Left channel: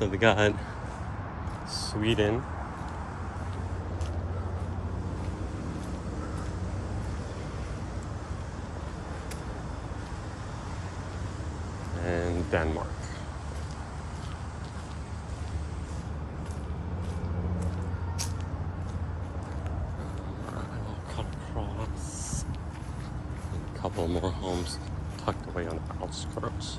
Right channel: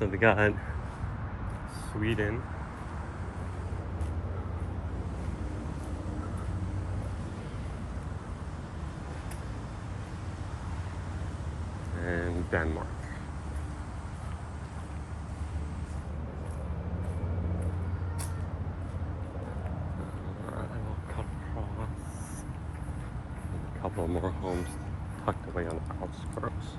So they got Sweden, and Denmark. I'll cut across. And a couple more homes tucked away on the outskirts.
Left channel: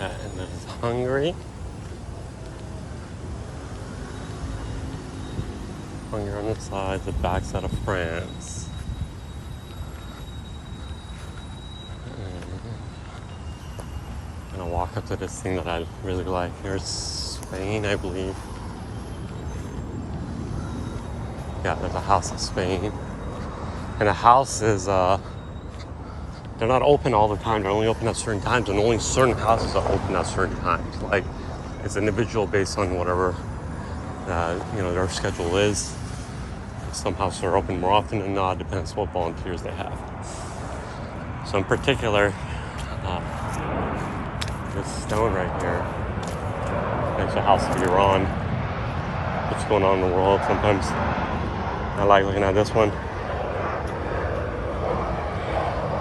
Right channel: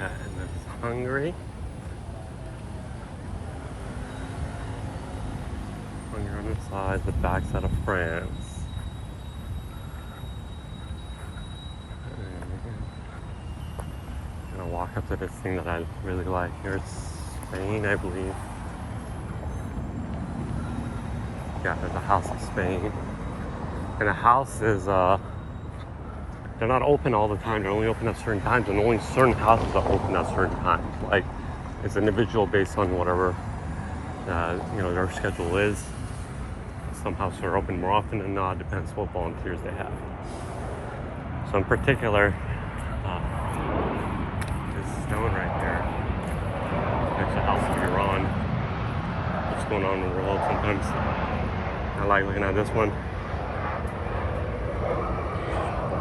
And this is Hungary. Hungary on the side, the backside of France. And I'm gonna walk up to this thing that I really like. Here's Spain, I believe. Yeah, there's a house in Spain. And the houses, they're not open all the time. They're only open at certain times, and only certain houses are open at certain times. Like, it's individual based on whatever, their schedule is. Some houses are open more often than not. Depends what volunteers they have. So in particular, this stone right here, there's a house in Iran. What's going on in the world sometimes. I like looking at this one.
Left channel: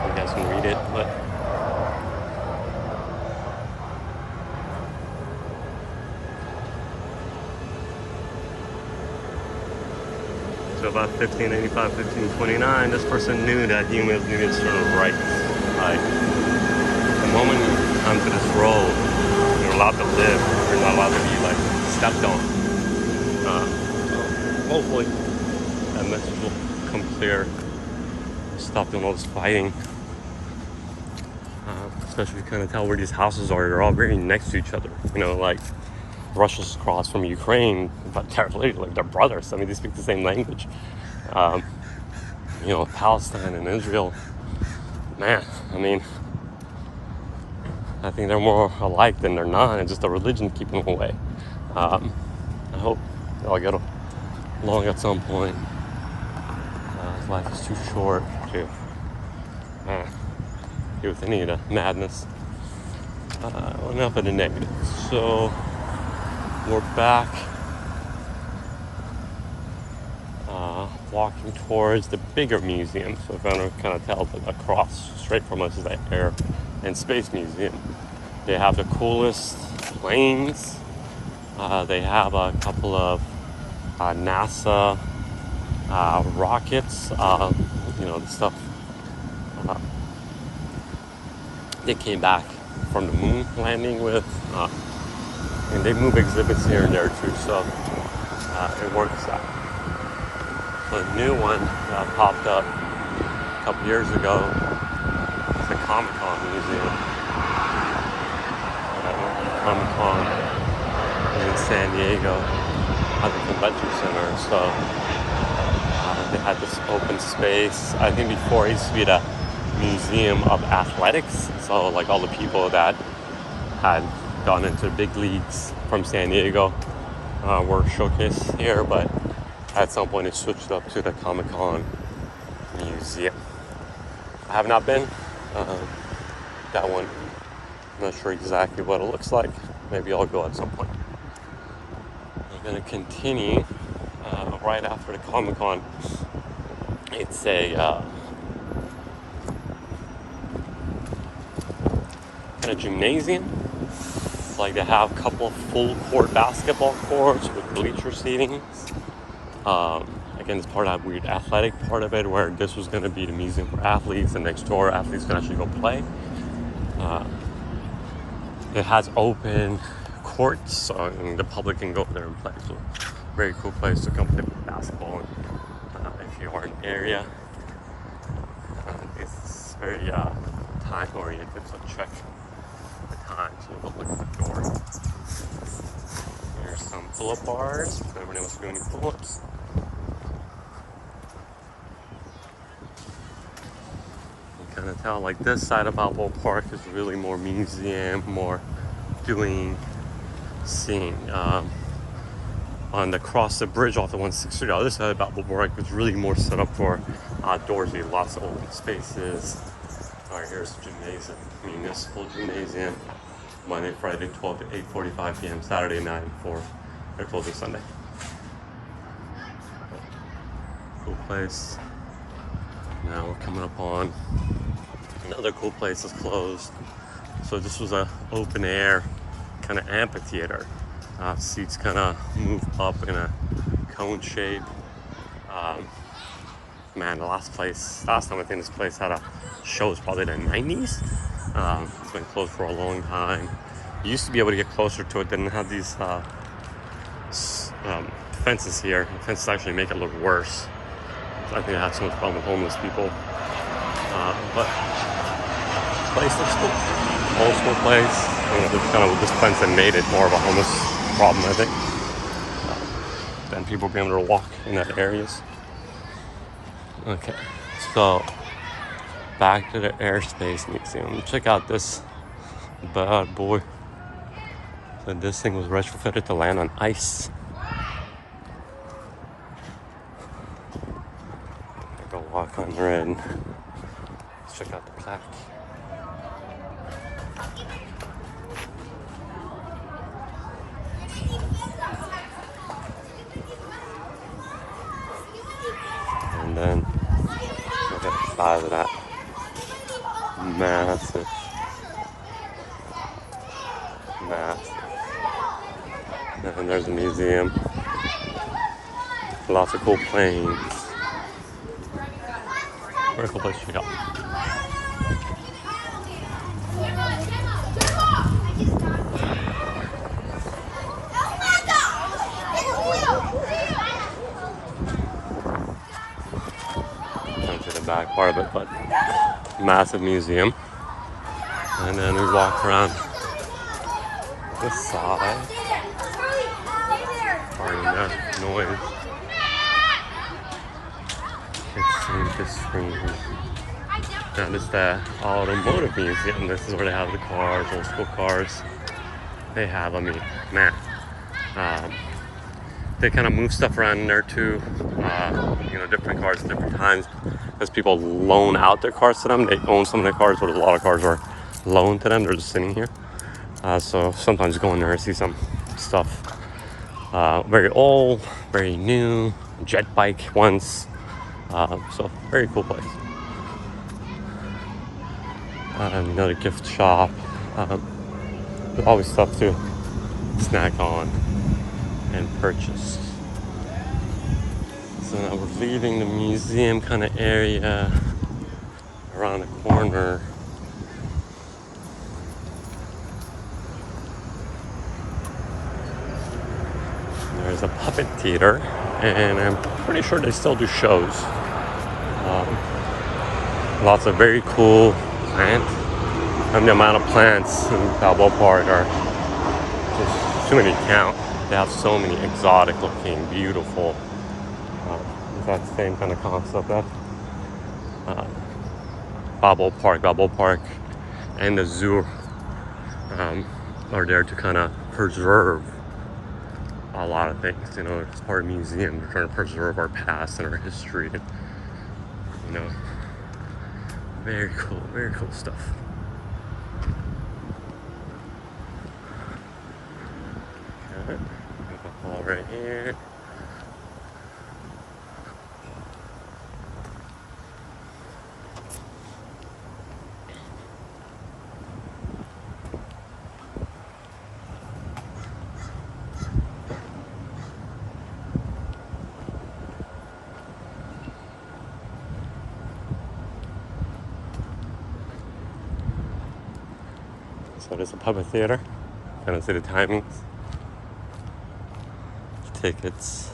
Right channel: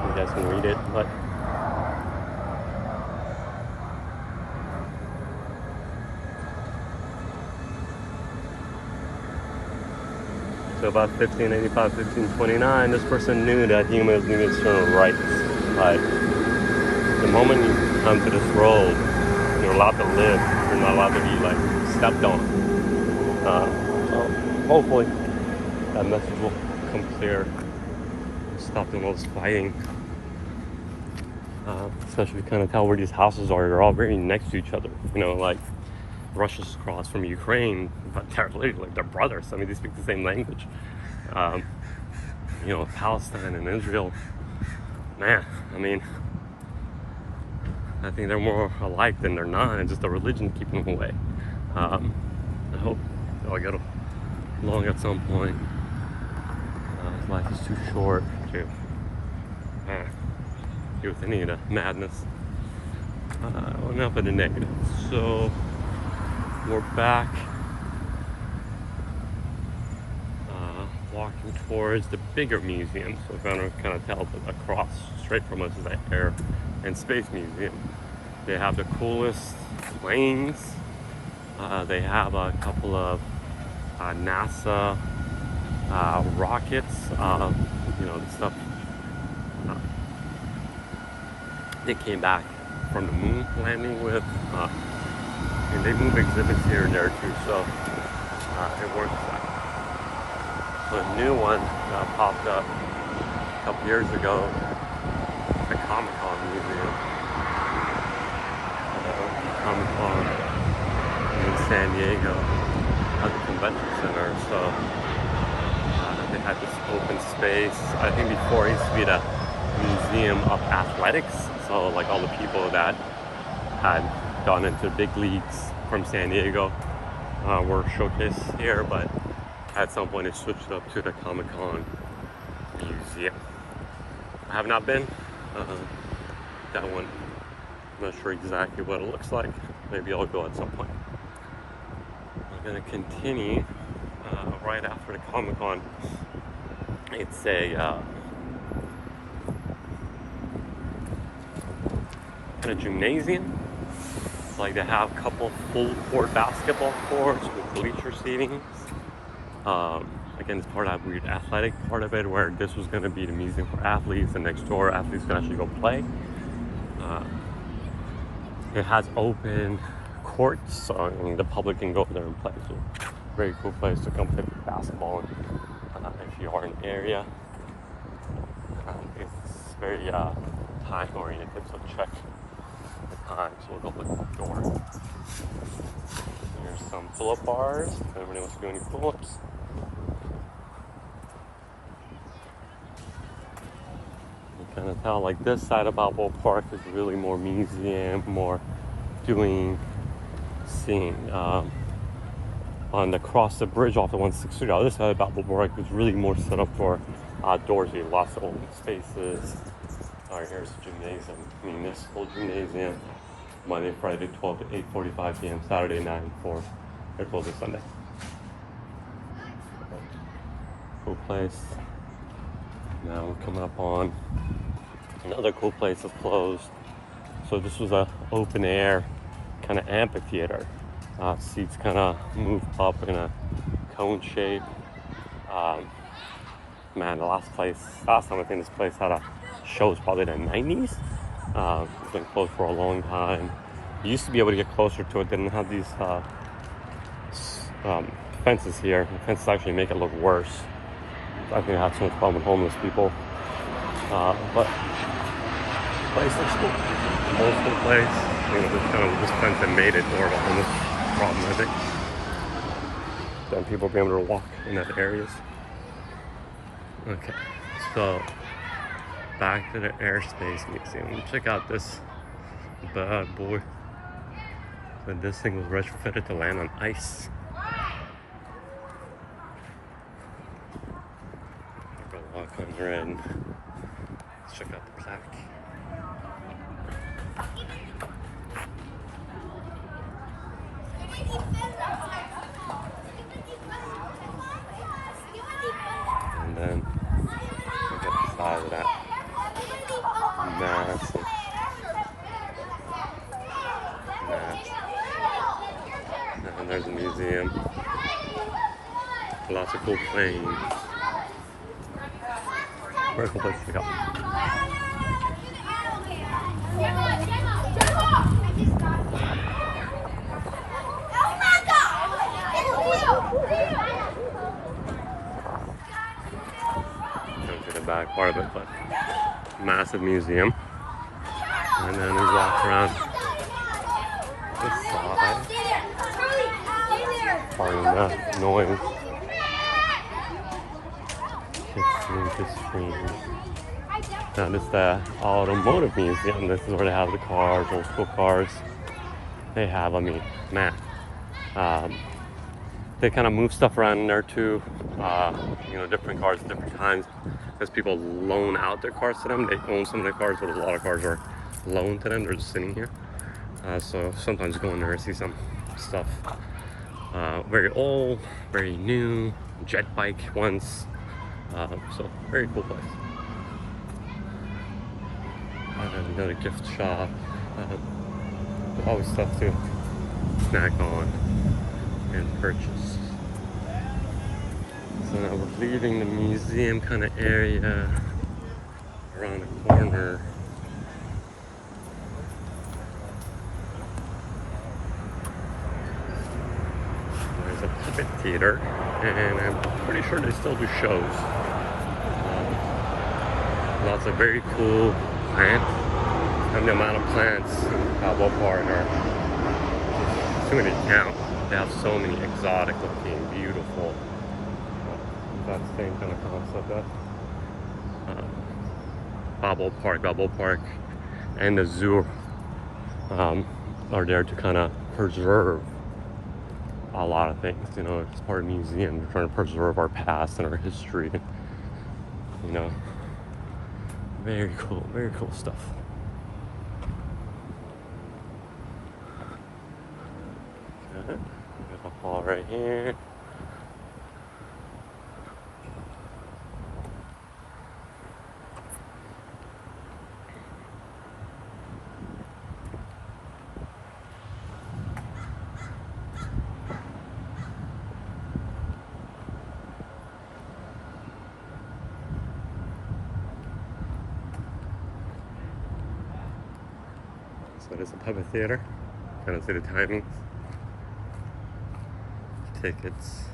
You guys can read it, but so about 1585, 1529, this person knew that humans needed certain rights. Like, the moment you come to this road, you're allowed to live. You're not allowed to be like stepped on. So hopefully that message will come clear. Stop doing all this fighting. Especially kind of tell where these houses are. They're all very next to each other. Like Russia's across from Ukraine, but they're literally they're brothers. I mean, they speak the same language. Palestine and Israel, man. I mean, I think they're more alike than they're not. It's just the religion keeping them away. I hope they'll get along at some point. Life is too short to deal with any of the madness. Enough of the negative. So we're back walking towards the bigger museum. So if I don't kind of tell, but across straight from us is the Air and Space Museum. They have the coolest planes. They have a couple of NASA rockets, the stuff they came back from the moon landing with, and they move exhibits here and there too, so it works out. So a new one that popped up a couple years ago, it's the Comicon Museum. Comicon is in San Diego at the convention center, so they had this open space. I think before it used to be the Museum of Athletics, so like all the people that had gone into big leagues from San Diego were showcased here, but at some point it switched up to the Comicon Museum. I have not been. That one, I'm not sure exactly what it looks like. Maybe I'll go at some point. We're going to continue right after the Comic-Con. It's a kind of gymnasium. It's like they have a couple full court basketball courts with bleacher seating. Again, it's part of that weird athletic part of it, where this was going to be the museum for athletes, and next door athletes can actually go play. It has open courts, so the public can go there and play. So, very cool place to come play basketball if you are in the area. It's very time oriented, so check the time, so we'll go look at the door. Here's some pull-up bars. If anybody wants to do any pull-ups. You kind of tell, like, this side of Balboa Park is really more museum, more doing, seeing. On the cross the bridge off the 163, the other side of Balboa Park is really more set up for outdoorsy, lots of open spaces. All right, here's the gymnasium, municipal gymnasium, Monday, Friday, 12 to 8:45 p.m., Saturday 9 for their closing Sunday. Cool place. Now we're coming up on another cool place that's closed. So this was a open air kind of amphitheater. Seats kind of move up in a cone shape. Man, the last time I think this place had a show was probably the 90s. It's been closed for a long time. You used to be able to get closer to it. They didn't have these fences here. The fences actually make it look worse. I think I had so much problem with homeless people. But the place looks cool. Old school place. You know, this fence had made it more of a homeless problem, I think. Then people will be able to walk in that areas. Okay, so back to the Airspace Museum. Check out this bad boy. So this thing was retrofitted to land on ice. Go walk under it. Let's check out the plaque. And then look at the size of that. Massive. And there's a museum. Lots of cool planes. Very cool place to check out. Can't see the back part of it, but massive museum. And then we walked around this side. Pardon that noise. Kids seem to scream. Now this is the automotive museum. This is where they have the cars, old school cars. They have, I mean, man. They kind of move stuff around in there too. You know, different cars at different times. Because people loan out their cars to them. They own some of their cars, but a lot of cars are loaned to them. They're just sitting here. So sometimes you go in there and see some stuff. Very old, very new, jet bike once. So very cool place. Another gift shop. Always stuff to snack on and purchase. So now we're leaving the museum kind of area around the corner. There's a puppet theater, and I'm pretty sure they still do shows. Lots of very cool plants. And the amount of plants in Balboa Park are too many to count. They have so many exotic looking, beautiful. That same kind of concept. That Balboa Park, and the zoo are there to kind of preserve a lot of things. You know, it's part of the museum. They're trying to preserve our past and our history. You know, very cool stuff. Okay, we have a hall right here. So there's a puppet theater. Kind of see the timings. Tickets.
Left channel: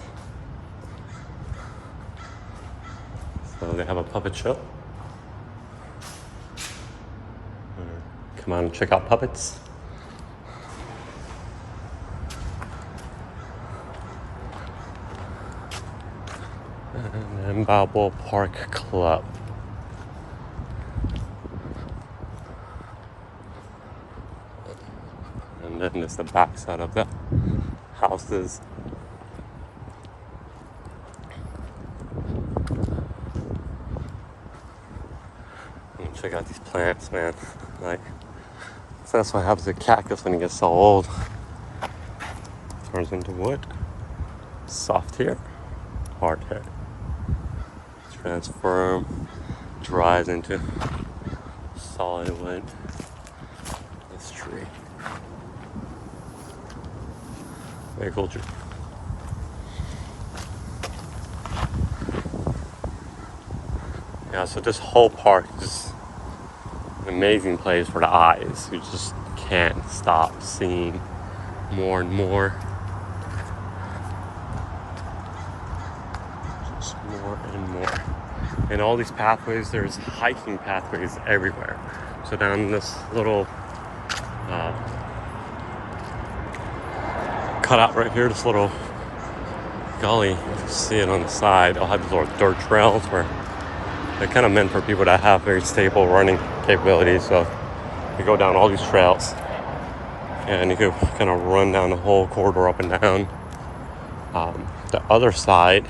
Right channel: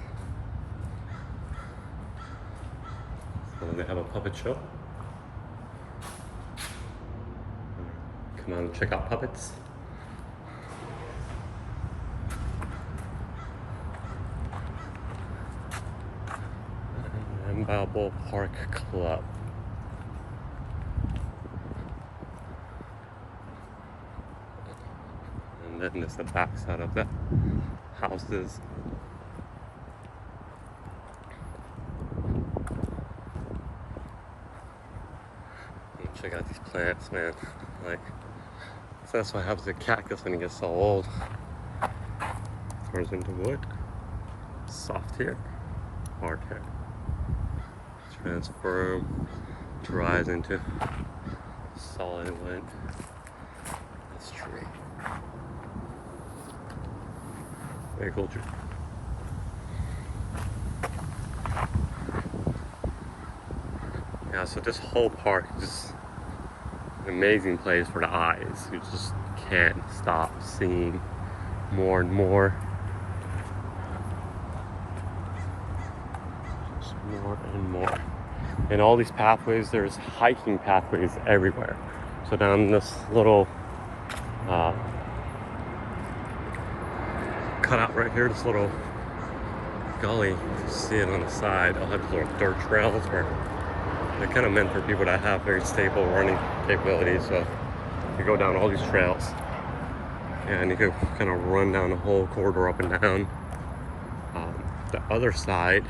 So they have a puppet show. Come on and check out puppets. And then Balboa Park Club. And then there's the back side of the houses. And check out these plants, man. Like, so that's what happens to cactus when it gets so old. Turns into wood. Soft here, hard here. Transform, dries into solid wood. This tree. Very cool tree. Yeah, so this whole park is just an amazing place for the eyes. You just can't stop seeing more and more. Just more and more. And all these pathways, there's hiking pathways everywhere. So down this little cutout right here, this little gully, you see it on the side. They'll have these little dirt trails where they're kind of meant for people that have very stable running capabilities. So you go down all these trails and you can kind of run down the whole corridor up and down. The other side,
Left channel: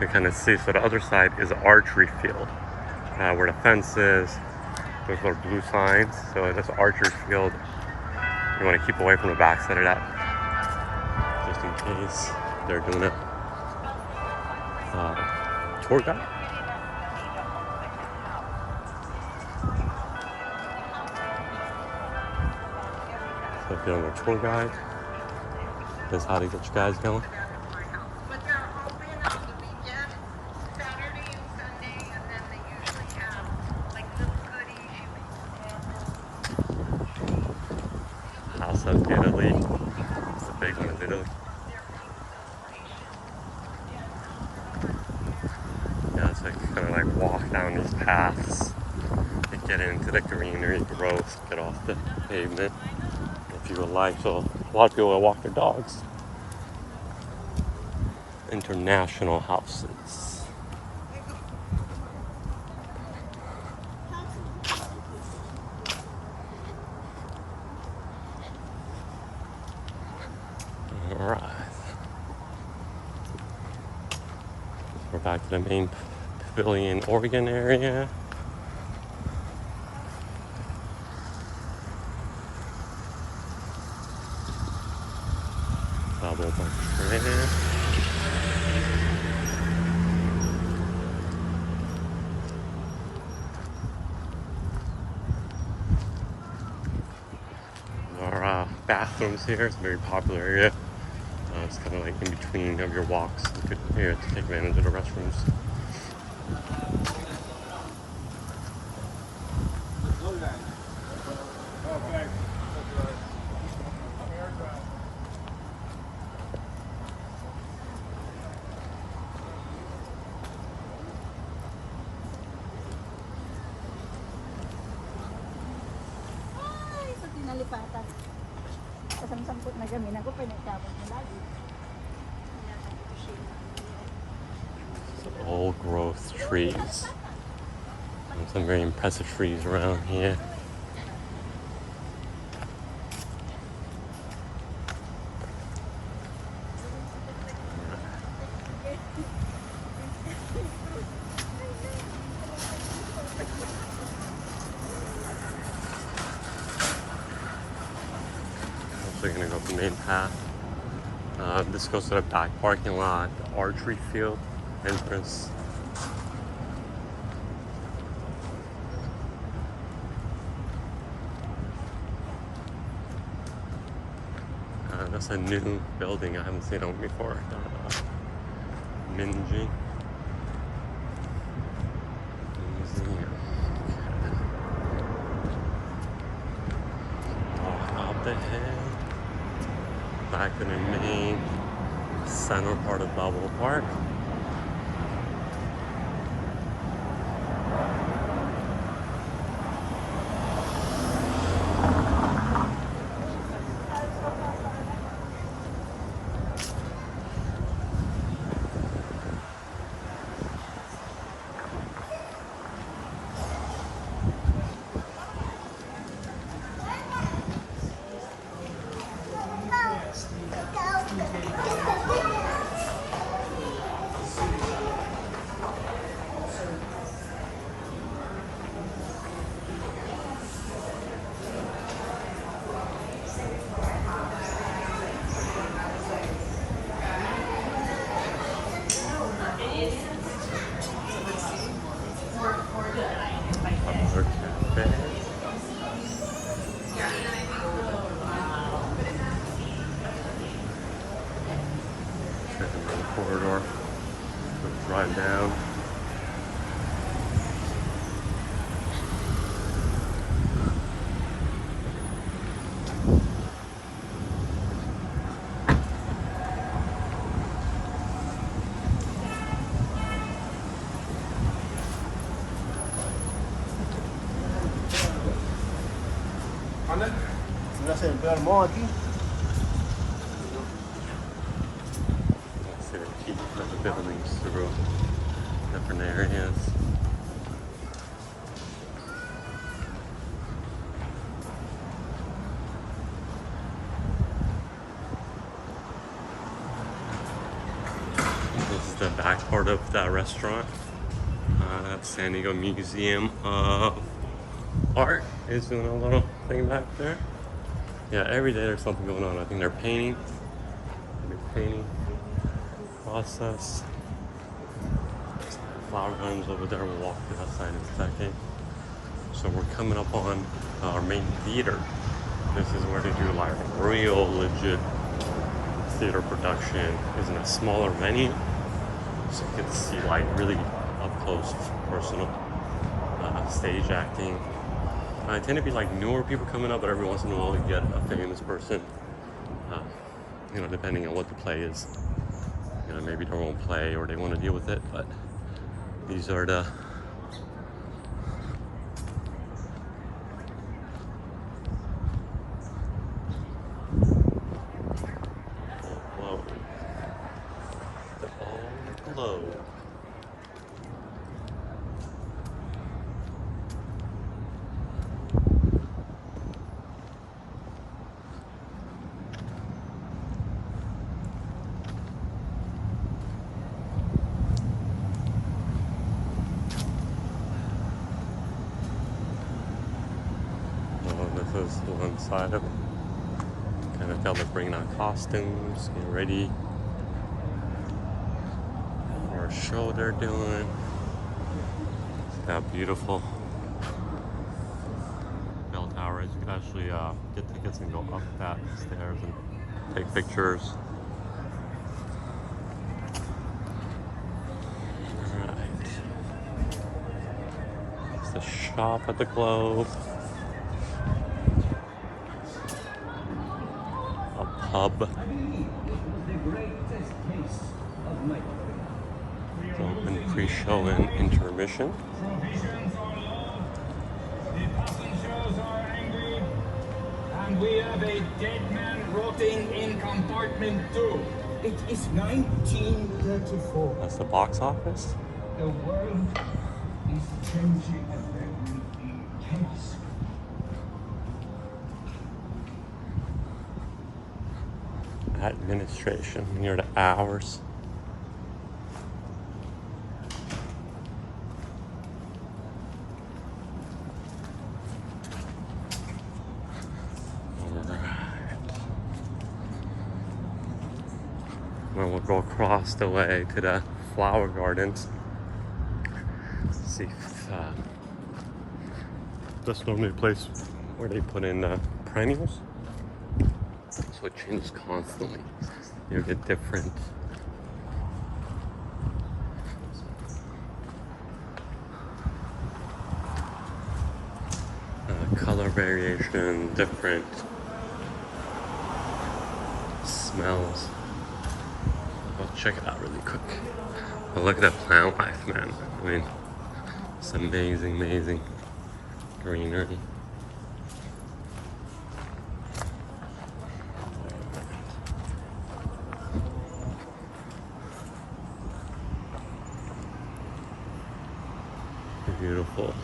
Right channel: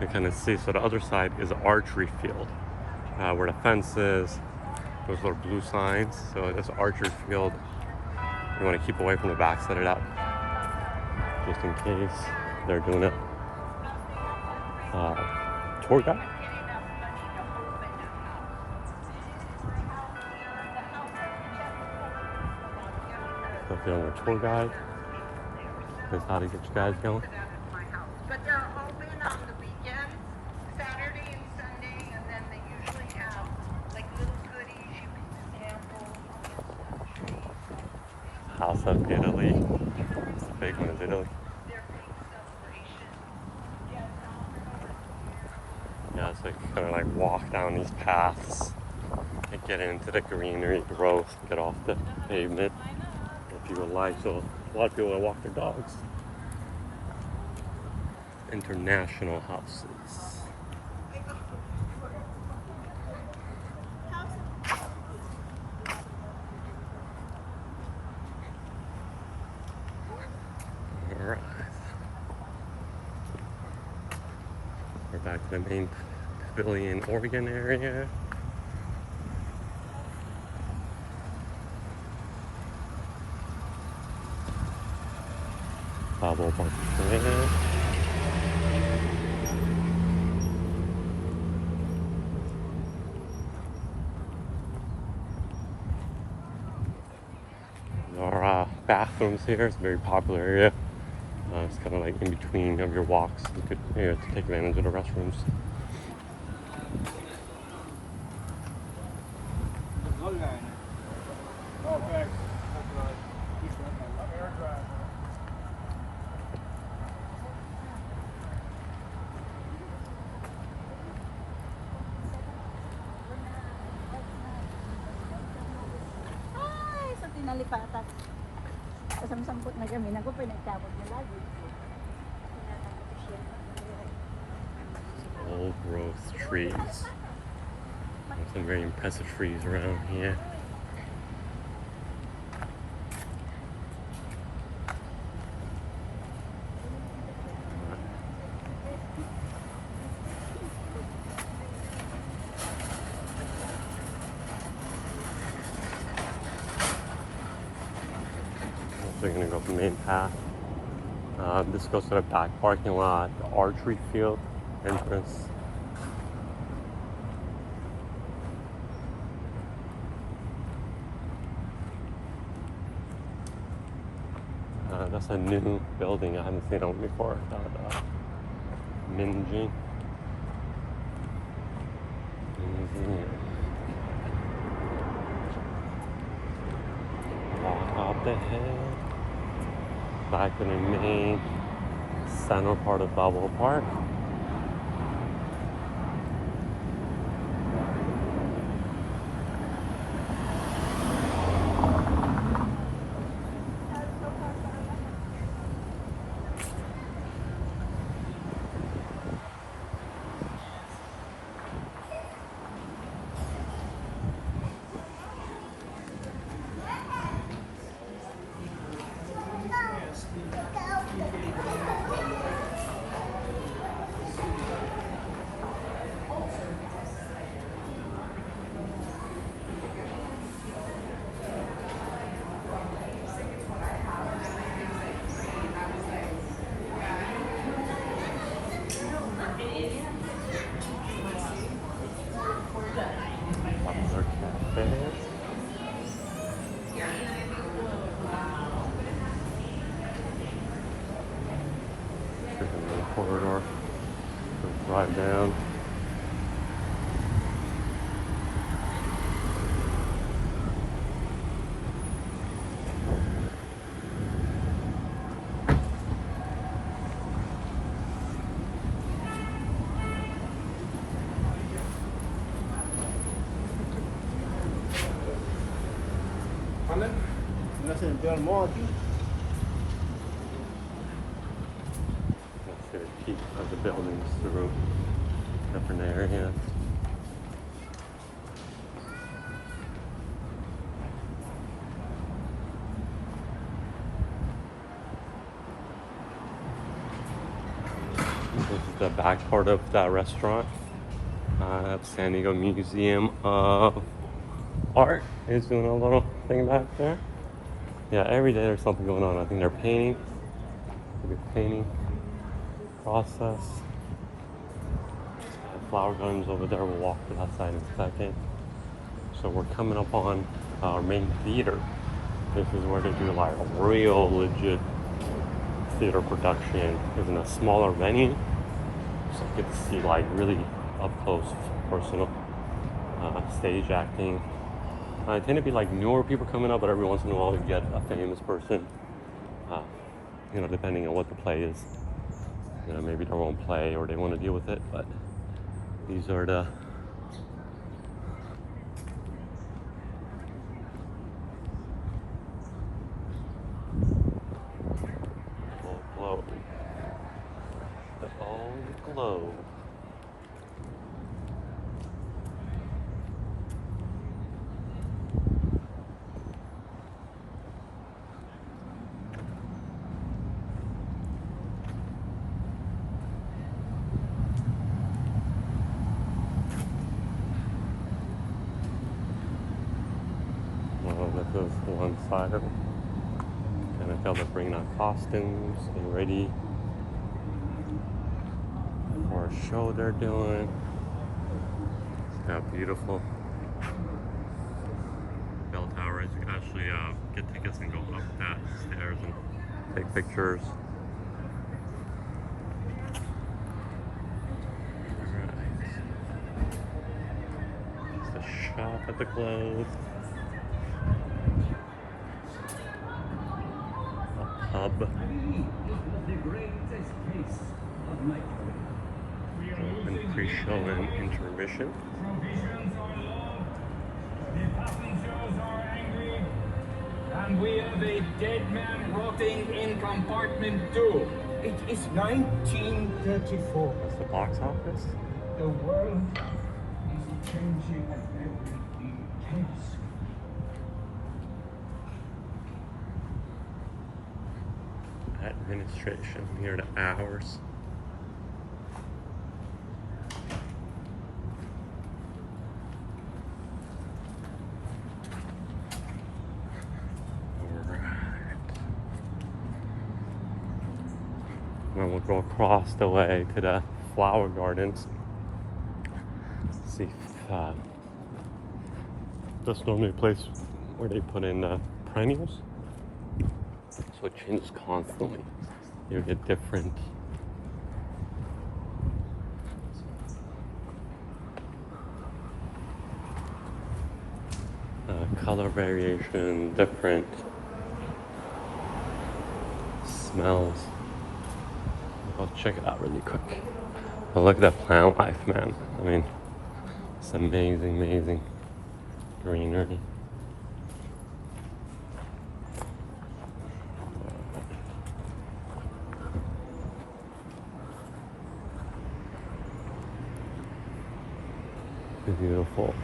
you kind of see, so the other side is an archery field where the fence is. Those little blue signs. So that's an archery field. You want to keep away from the back side of that, just in case they're doing a tour guide. So if you're on a tour guide, this is how to get you guys going. But they're open on the weekend, Saturday and Sunday, and then they usually have like little goodies you can get. House of Italy. It's a big one, is Italy. Yeah, it's like kind of like walk down these paths and get into the greenery, growth, get off the pavement if you would like. So a lot of people will walk their dogs. International houses. All right. We're back to the main pavilion Oregon area. Balboa Park there. Our bathrooms here. It's a very popular area. It's kind of like in between of your walks. You could to take advantage of the restrooms. Old growth trees. There's some very impressive trees around here. So you're gonna go up the main path. This goes to the back parking lot, the archery field entrance. That's a new building. I haven't seen it before. Minji Museum. Walk up the hill, back to the main center part of Balboa Park. corridor. We'll drive down. Let's see the peak of the buildings through different areas. This is the back part of that restaurant. San Diego Museum of Art is doing a little thing back there. Yeah, every day there's something going on. I think they're painting, the cleaning process. Flower gardens over there. We'll walk through outside in a second. So we're coming up on our main theater. This is where they do like real legit theater production. It's in a smaller venue, so you get to see like really up close, personal stage acting. I tend to be like newer people coming up, but every once in a while you get a famous person. You know, depending on what the play is. You know, maybe their own play or they want to deal with it. But these are the globe. The old globe. This is one side of it. Kind of tell they're bringing out costumes, getting ready for a show they're doing. It's got beautiful bell towers. You can actually get tickets and go up that stairs and take pictures. Alright. It's the shop at the Globe. Hub. Open pre-show and intermission. The passengers are angry, and we have a dead man rotting in compartment 2. It is 1934. That's the box office. The world is changing at every pace. Administration near the hours. Alright. Then we'll go across the way to the flower gardens. Let's see if that's normally a place where they put in perennials. So it changes constantly. You get different color variation, different smells. I'll go check it out really quick. But look at that plant life, man. I mean, it's amazing, amazing greenery. Beautiful.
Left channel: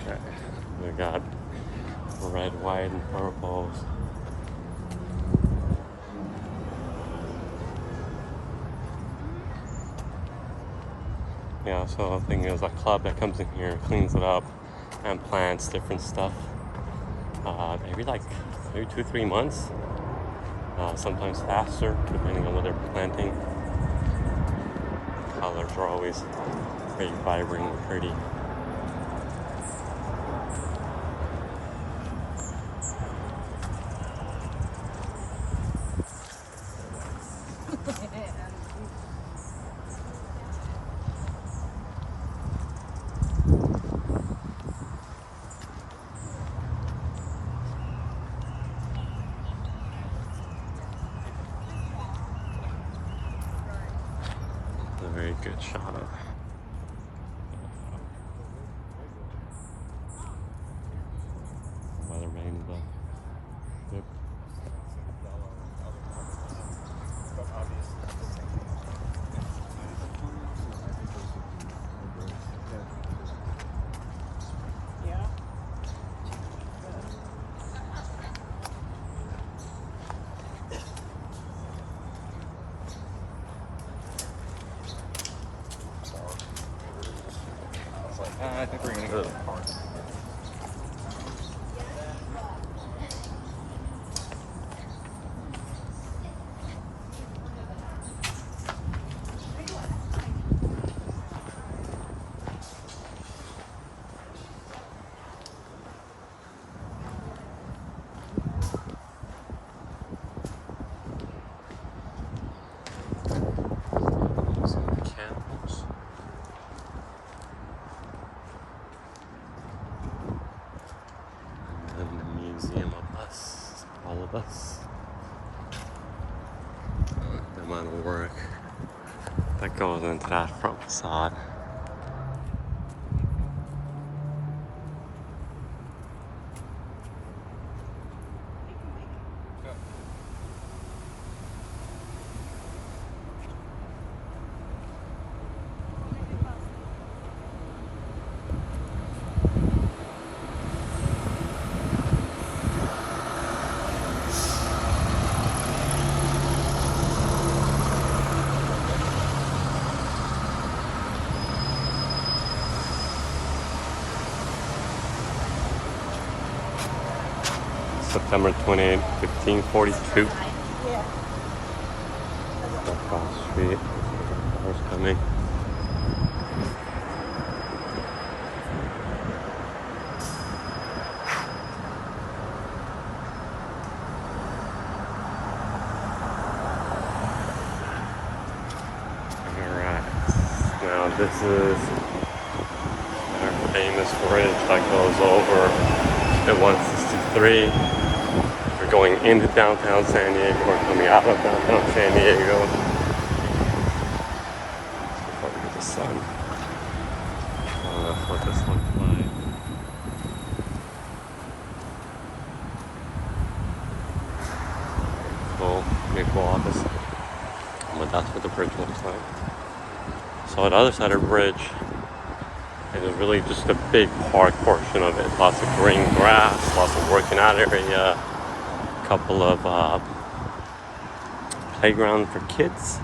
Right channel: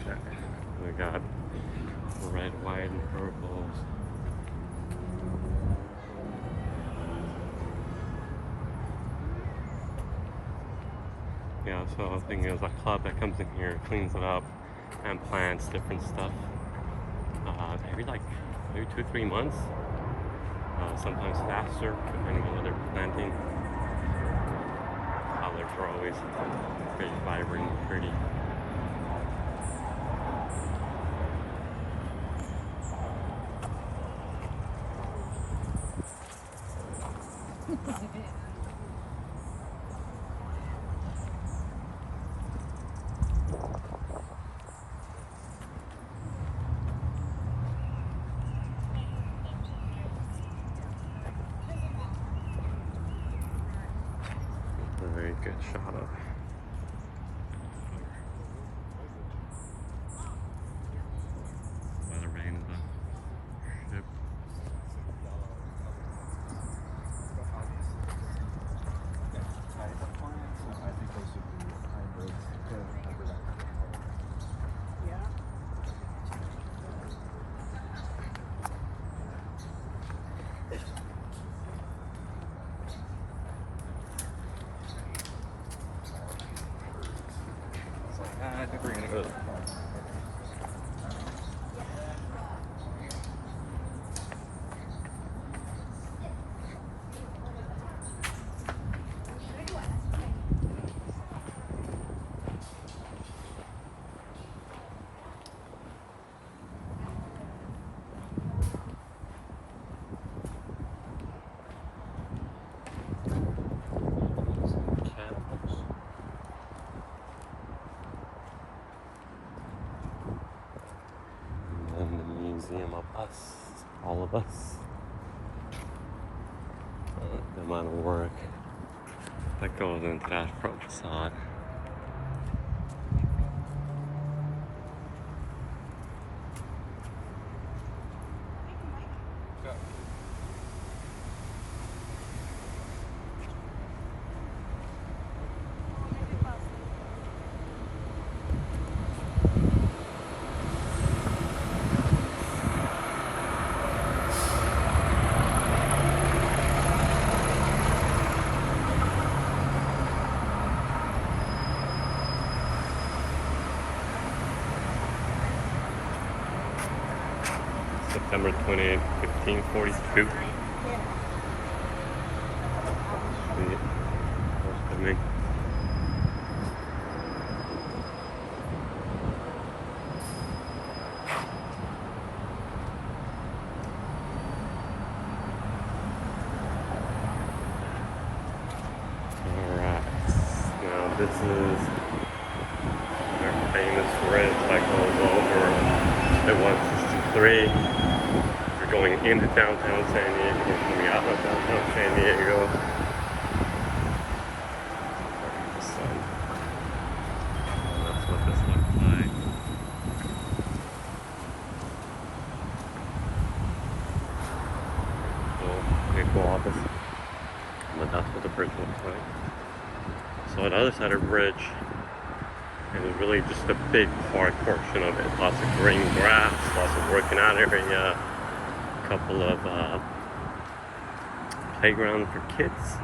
Okay, we got red, white, and purples. Yeah, so I think there's a club that comes in here, cleans it up, and plants different stuff. Maybe like 2-3 months. sometimes faster, depending on what they're planting. Colors are always very vibrant and pretty. A very good shot of by the rain of the ship. I think we're gonna go to the park. Some cannibals. And then the museum of us, all of us. The amount of work that goes into that front facade. September 28, 1542. Street. Where's coming? Alright. Now this is our famous bridge that goes over the 163. We're going into downtown San Diego. We're coming out of downtown San Diego. Look at the sun. Oh, that's what this looks like. Cool. Pretty cool office. But that's what the bridge looks like. So on the other side of the bridge, it is really just a big park portion of it. Lots of green grass, lots of working out area, a couple of playground for kids.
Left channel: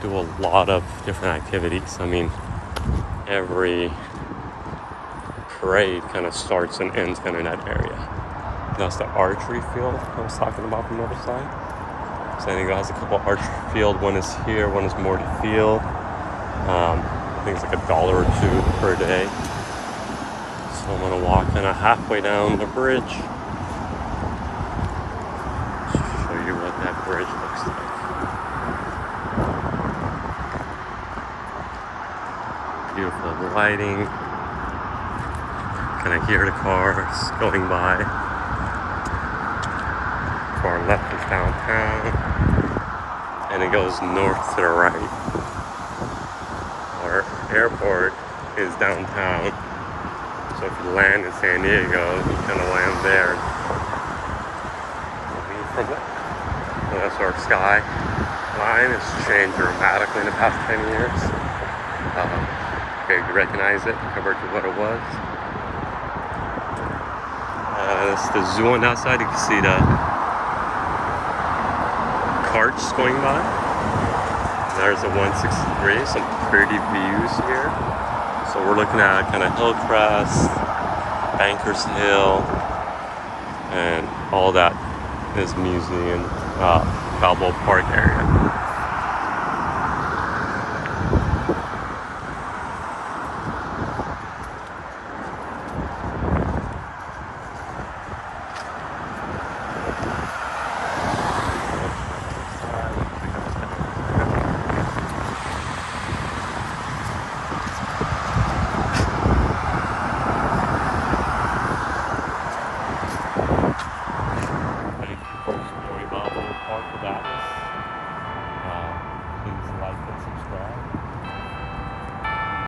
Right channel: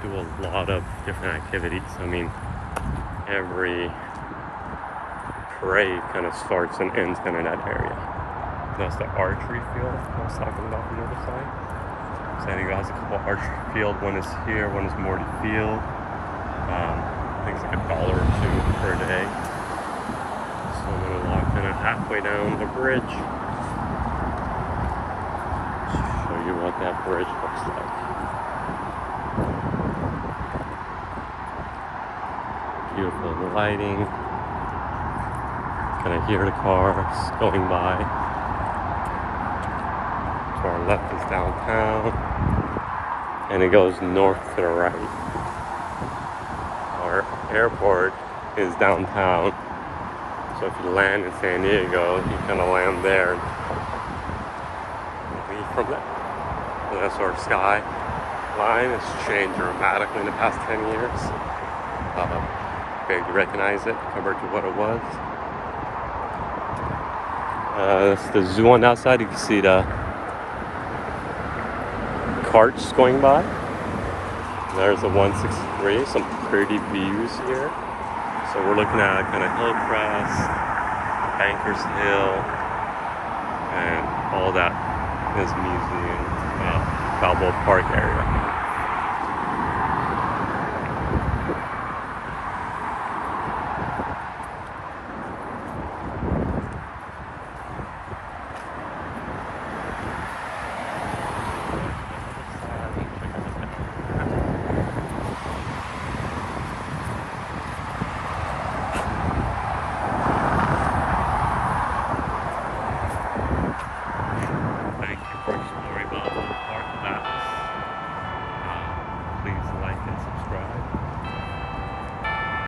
Do a lot of different activities. I mean, every parade kind of starts and ends kind of in that area. And that's the archery field I was talking about from the other side. San Diego has a couple archery field. One is here, one is Morty Field. I think it's like $1 or $2 per day. So I'm gonna walk kind of halfway down the bridge. Show you what that bridge looks like. Beautiful lighting. Kind of hear the cars going by. To our left is downtown, and it goes north to the right. Our airport is downtown, so if you land in San Diego, you kind of land there and leave from there. So that's our skyline. It's changed dramatically in the past 10 years. Barely recognize it compared to what it was. That's the zoo on that side. You can see the carts going by. There's the 163, some pretty views here. So we're looking at kind of Hillcrest, Bankers Hill, and all that His museum, Balboa Park area.